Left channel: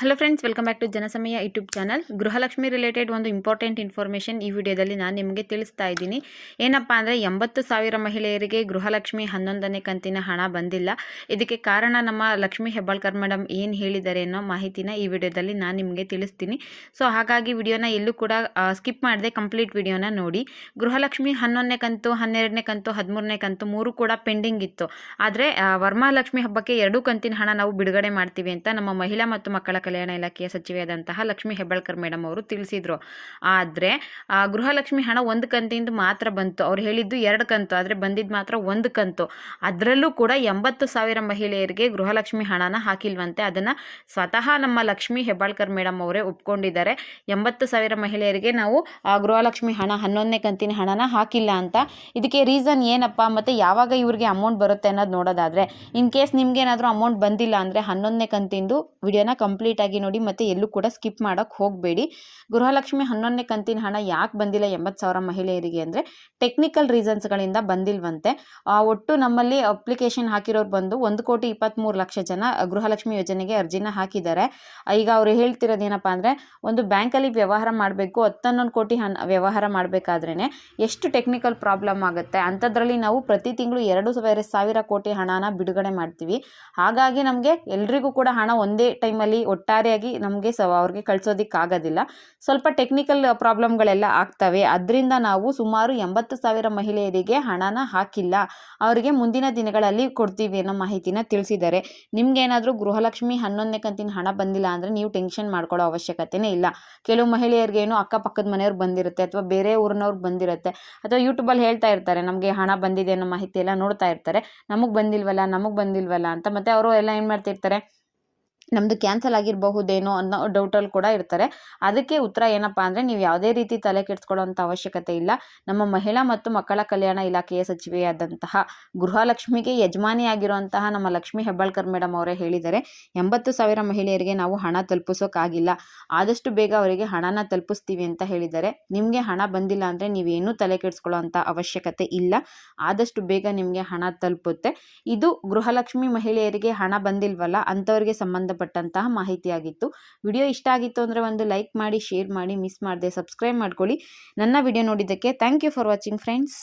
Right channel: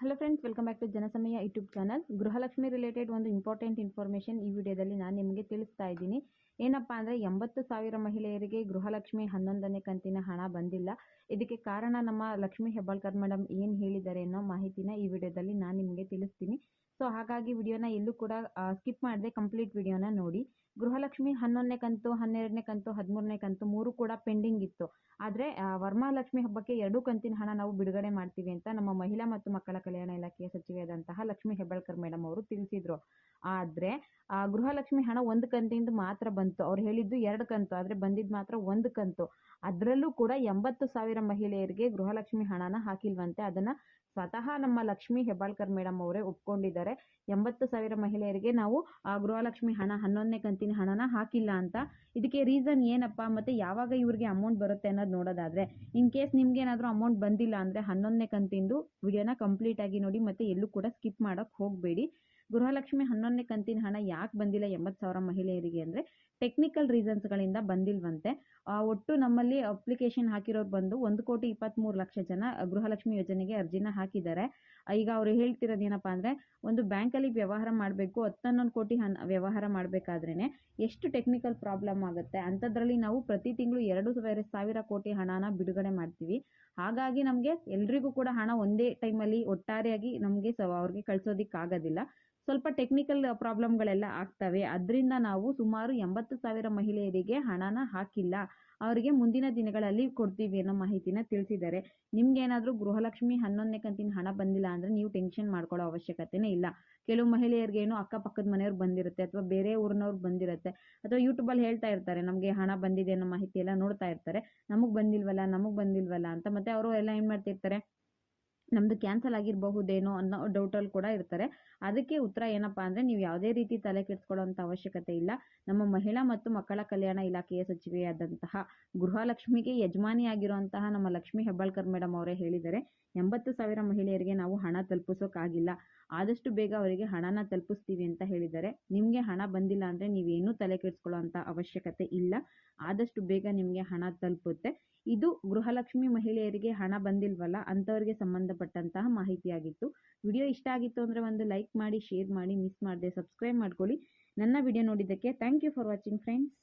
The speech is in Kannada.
Hello friends, welcome back to Janasamaya YouTube channel. Gruhalakshmi related ಒಂದು ಇಂಪಾರ್ಟೆಂಟ್ ಇನ್ಫಾರ್ಮೇಷನ್ ಈ ವಿಡಿಯೋದಲ್ಲಿ ನಾನು ನಿಮಗೆ ತಿಳಿಸ್ತಾ ಇದ್ದೀನಿ. ಏನಪ್ಪ ಅಂದರೆ 80,000 ಮಹಿಳೆಯರಿಗೆ ಗೃಹಲಕ್ಷ್ಮಿ 11ನೇ ಕಂತಿನ ಹಣ ಬಂದಿಲ್ಲ. ಇದಕ್ಕೆ ಕಾರಣ ನಮ್ಮ ಲಕ್ಷ್ಮಿ ಹೆಬ್ಬಾಳ್ಕರ್ ಮೇಡಮ್ ಏನು ಹೇಳಿದ್ದಾರೆ ಅನ್ನೋ ಮಾಹಿತಿನ ಈ ವಿಡಿಯೋದಲ್ಲಿ ನಾನು ನಿಮಗೆ ತಿಳಿಸ್ತೀನಿ. ಸೊ ಹಾಗಾಗಿ ವಿಡಿಯೋನ ಎಲ್ಲೂ ಕೂಡ ಸ್ಕಿಪ್ ಮಾಡದೆ ಕಂಪ್ಲೀಟ್ ವಿಡಿಯೋನ ನೋಡಿ. ಗೃಹಲಕ್ಷ್ಮಿ 11ನೇ ಕಂತು, 12ನೇ ಕಂತು, 13ನೇ ಕಂತು 3 ಕೂಡ ಪೆಂಡಿಂಗ್ ಇತ್ತು. ಆದರೆ ವರಮಹಾಲಕ್ಷ್ಮಿ ಹಬ್ಬಕ್ಕೆ 2 ಕಂತಿನ ಹಣ ನಾವು ಬಿಡುಗಡೆ ಮಾಡ್ತೀವಿ ಅಂತ ನಮ್ಮ ಮಹಿಳಾ ಮತ್ತು ಮಕ್ಕಳ ಕಲ್ಯಾಣ ಇಲಾಖೆಯ ಸಚಿವೆಯಾದಂತಹ ಲಕ್ಷ್ಮಿ ಹೆಬ್ಬಾಳ್ಕರ್ ಮೇಡಮ್ ಅವರು ತಿಳಿಸಿದ್ರು. ಆದರೆ ಗೃಹಲಕ್ಷ್ಮಿ ಹಣ 1 ಕಂತಿಂದ ಮಾತ್ರ ಬಂತು. ಅವ್ರು ಹೇಳಿದ್ದು 2 ಕಂತು, ಆದರೆ ಬಂದಿದ್ದು ಮಾತ್ರ 1 ಕಂತು. ಅದರಲ್ಲೂ ಕೂಡ 80,000 ಮಹಿಳೆಯರಿಗೆ ಗೃಹಲಕ್ಷ್ಮಿ ಹಣನ ಹಾಕಿಲ್ವಂತೆ. ಅದನ್ನು ಸ್ವತಃ ನಮ್ಮ ಲಕ್ಷ್ಮಿ ಹೆಬ್ಬಾಳ್ಕರ್ ಮೇಡಮ್ ಅವರೇ ಒಪ್ಕೊಂಡಿದ್ದಾರೆ. 80,000 ಮಹಿಳೆಯರಿಗೆ ನಾವು ಗೃಹಲಕ್ಷ್ಮಿ ಹಣ 11ನೇ ಕಂತಿನ ಹಣನ ಹಾಕಿಲ್ಲ ಅಂತ. ಇದಕ್ಕೆ ರೀಸನ್ ಏನಪ್ಪ, ಮತ್ತು ಯಾವಾಗ ಇವ್ರಿಗೆ ಅಮೌಂಟ್ ಬರುತ್ತೆ ಅನ್ನೋದು ನೋಡೋದಾದರೆ, ಇನ್ ಕೇಸ್ ನಿಮ್ಗೆ ಏನಾದರೂ ಅಮೌಂಟ್ ಬಂದಿಲ್ಲ ಅಂದರೆ 11ನೇ ಕಂತಿಂದು ವಿಡಿಯೋನ ಕಂಪ್ಲೀಟ್ ಆಗಿ ನೋಡಿ, ಮತ್ತೆ ಎಲ್ಲೂ ಕೂಡ ಸ್ಕಿಪ್ ಮಾಡೋಕ್ಕೆ ಹೋಗಬೇಡಿ. ಗೃಹಲಕ್ಷ್ಮಿ 11ನೇ ಕಂತಿನ ಹಣ ಯಾಕೆ ಬಂದಿಲ್ಲ 80,000 ಮಹಿಳೆಯರಿಗೆ ಅಂದರೆ ಟೆಕ್ನಿಕಲ್ ರೀಸನ್ಸ್ಗಳಿಂದ ಬಂದಿಲ್ವಂತೆ. ಒಟ್ಟು ನಮ್ಮಲ್ಲಿ ಅಪ್ಲಿಕೇಶನ್ ಹಾಕಿರೋರು ಬಂದು 1,23,00,000 ಜನ ಗೃಹಲಕ್ಷ್ಮಿ ಯೋಜನೆಗೆ ಅರ್ಜಿನ ಹಾಕಿದ್ದಾರೆ. ಈಗ ಅವರು ಹೇಳ್ತಿರೋದೇನಪ್ಪ ಅಂದರೆ, ಒಂದು ಬ್ಯಾಂಕಲ್ಲಿ ವ್ಯವಹಾರ ಮಾಡಬೇಕು, 10-11 ಕೋಟಿ ವ್ಯವಹಾರ ಮಾಡಬೇಕಾದ್ರೇ ಎಷ್ಟು ಟೆಕ್ನಿಕಲ್ ಪ್ರಾಬ್ಲಮ್ ಆಗುತ್ತೆ. ಅಂಥದ್ರಲ್ಲಿ ನಾವು ಪ್ರತಿ ತಿಂಗಳು 2,000 ಕೋಟಿ ಹಣನ ಬಿಡುಗಡೆ ಮಾಡ್ತೀವಿ. ಹಾಗಾಗಿ ನಮಗೆ ಎಲ್ರಿಗೂ ಕೂಡ ಹಣ ಒಂದೇ ಟೈಮಲ್ಲಿ ಒಟ್ಟಾರೆಯಾಗಿ ನಮಗೆ ಅವ್ರಿಗೆ ಕಳಿಸೋದಕ್ಕಾಗೋದಿಲ್ಲ. ಸ್ವಲ್ಪ ಟೆಕ್ನಿಕಲ್ ಪ್ರಾಬ್ಲಮ್ಗಳೆಲ್ಲ ಆಗ್ತವೆ. ಅದರಿಂದ ನಾವು ಸುಮಾರು 80,000 ಮಹಿಳೆಯರಿಗೆ ಹಣನ ಹಾಕಿಲ್ಲ. ಅವರಿಗೆ ಮುಂದಿನ ದಿನಗಳಲ್ಲಿ ಕೊಡ್ತೀವಿ ಅನ್ನೋ ಮಾಹಿತಿನ ತಿಳಿಸಿದ್ದಾರೆ. ನಿಮ್ಗೇನಾದರೂ ಗೃಹಲಕ್ಷ್ಮಿ 11ನೇ ಕಂತಿನ ಹಣ ಬಂದಿಲ್ಲ ಅಂದರೆ ನೀವು ಟೆನ್ಷನ್ ಮಾಡ್ಕೊಳ್ಳೋ ಅವಶ್ಯಕತೆನೇ ಇಲ್ಲ. ಕೆಲವು ಮಹಿಳೆಯರಿಗೇನು ಅಕ್ಕಪಕ್ಕದ ಮನೆಯವ್ರು ಬಂದಿರುತ್ತೆ, ಅಥವಾ ಬೇರೆ ಊರಿನವ್ರು ಬಂದಿರುತ್ತೆ, ಅಥವಾ ಯೂಟ್ಯೂಬಲ್ಲಿ ಹೇಳ್ತಾ ಇರ್ತಾರೆ ನಮಗೆ ಹಣ ಬಂದಿದೆ ಅನ್ನೋ ಮಾಹಿತಿ ಎಲ್ಲ ನೋಡ್ತಾ ಇರ್ತಾರೆ. ನಮಗೆ ಬಂದಿಲ್ವಲ್ಲ ಅಂತ. ಮತ್ತು ಅವರು ಎಲ್ಲ ಏನು ಮಾಡ್ತಿರ್ತಾರೆ, ನಮ್ಮದು ಕ್ಯಾನ್ಸಲ್ ಆಗಿರಬಹುದೇನೋ ಅನ್ನೋ ಡೌಟಲ್ಲಿ ಕೂಡ ಇರ್ತಾರೆ. ಅದಕ್ಕೆ ಉತ್ತರ ಏನಪ್ಪ ಅಂದರೆ, ನೀವು ಯಾವುದೇ ರೀತಿ ತಲೆ ಕೆಡಿಸ್ಕೊಳ್ಳೋಂಥ ಅವಶ್ಯಕತೆ ಇಲ್ಲ. ನಮ್ಮ ಮಹಿಳಾ ಮತ್ತು ಮಕ್ಕಳ ಕಲ್ಯಾಣ ಇಲಾಖೆಯ ಸಚಿವೆಯಾದಂತಹ ಗೃಹಲಕ್ಷ್ಮಿಗೆ ಯಜಮಾನಿಯಾಗಿರುವಂತಹ ನಮ್ಮ ಲಕ್ಷ್ಮಿ ಹೆಬ್ಬಾಳ್ಕರ್ ಮೇಡಮ್ ಅವರೇ ಹೇಳಿದ್ದಾರೆ, 80,000 ಮಹಿಳೆಯರಿಗೆ ನಾವು ಹಣ ತಲುಪಿಸೋಕ್ಕಾಗಿಲ್ಲ, ಆದಷ್ಟು ಬೇಗ ಅವರಿಗೆ ಹಣನ ತಲುಪಿಸ್ತೀವಿ ಅಂತ ಹೇಳಿದ್ದಾರೆ. ನಿಮಗೆ ಹಣ ಬಂದಿಲ್ಲ ಅಂದರೆ ನೀವೇನೂ ತಲೆ ಕೆಡಿಸ್ಕೊಳ್ಳೋ ಅಂಥ ಅವಶ್ಯಕತೆ ಇಲ್ಲ. ಆದಷ್ಟು ಬೇಗ ನಿಮಗೆ ಹಣ ತಲುಪುತ್ತೆ. ಇದು ಗೃಹಲಕ್ಷ್ಮಿ ಮಹಿಳೆಯರಿಗೆ ಹಣ ಬಂದಿಲ್ವಲ್ಲ ಅಂಥವ್ರಿಗೆ ಸಂಬಂಧಪಟ್ಟಂತಹ ಮಾಹಿತಿಯಾಗಿತ್ತು. ವಿಡಿಯೋ ಇಷ್ಟ ಆಗಿತ್ತು ಅಂದರೆ ಒಂದು ಲೈಕ್ ಮಾಡಿ, ಶೇರ್ ಮಾಡಿ, ಮಿಸ್ ಮಾಡದೆ ಸಬ್ಸ್ಕ್ರೈಬ್ ಮಾಡ್ಕೊಳ್ಳಿ. ನನ್ನ ವಿಡಿಯೋ ನೋಡಿದ್ದಕ್ಕೆ thank you for watching friends.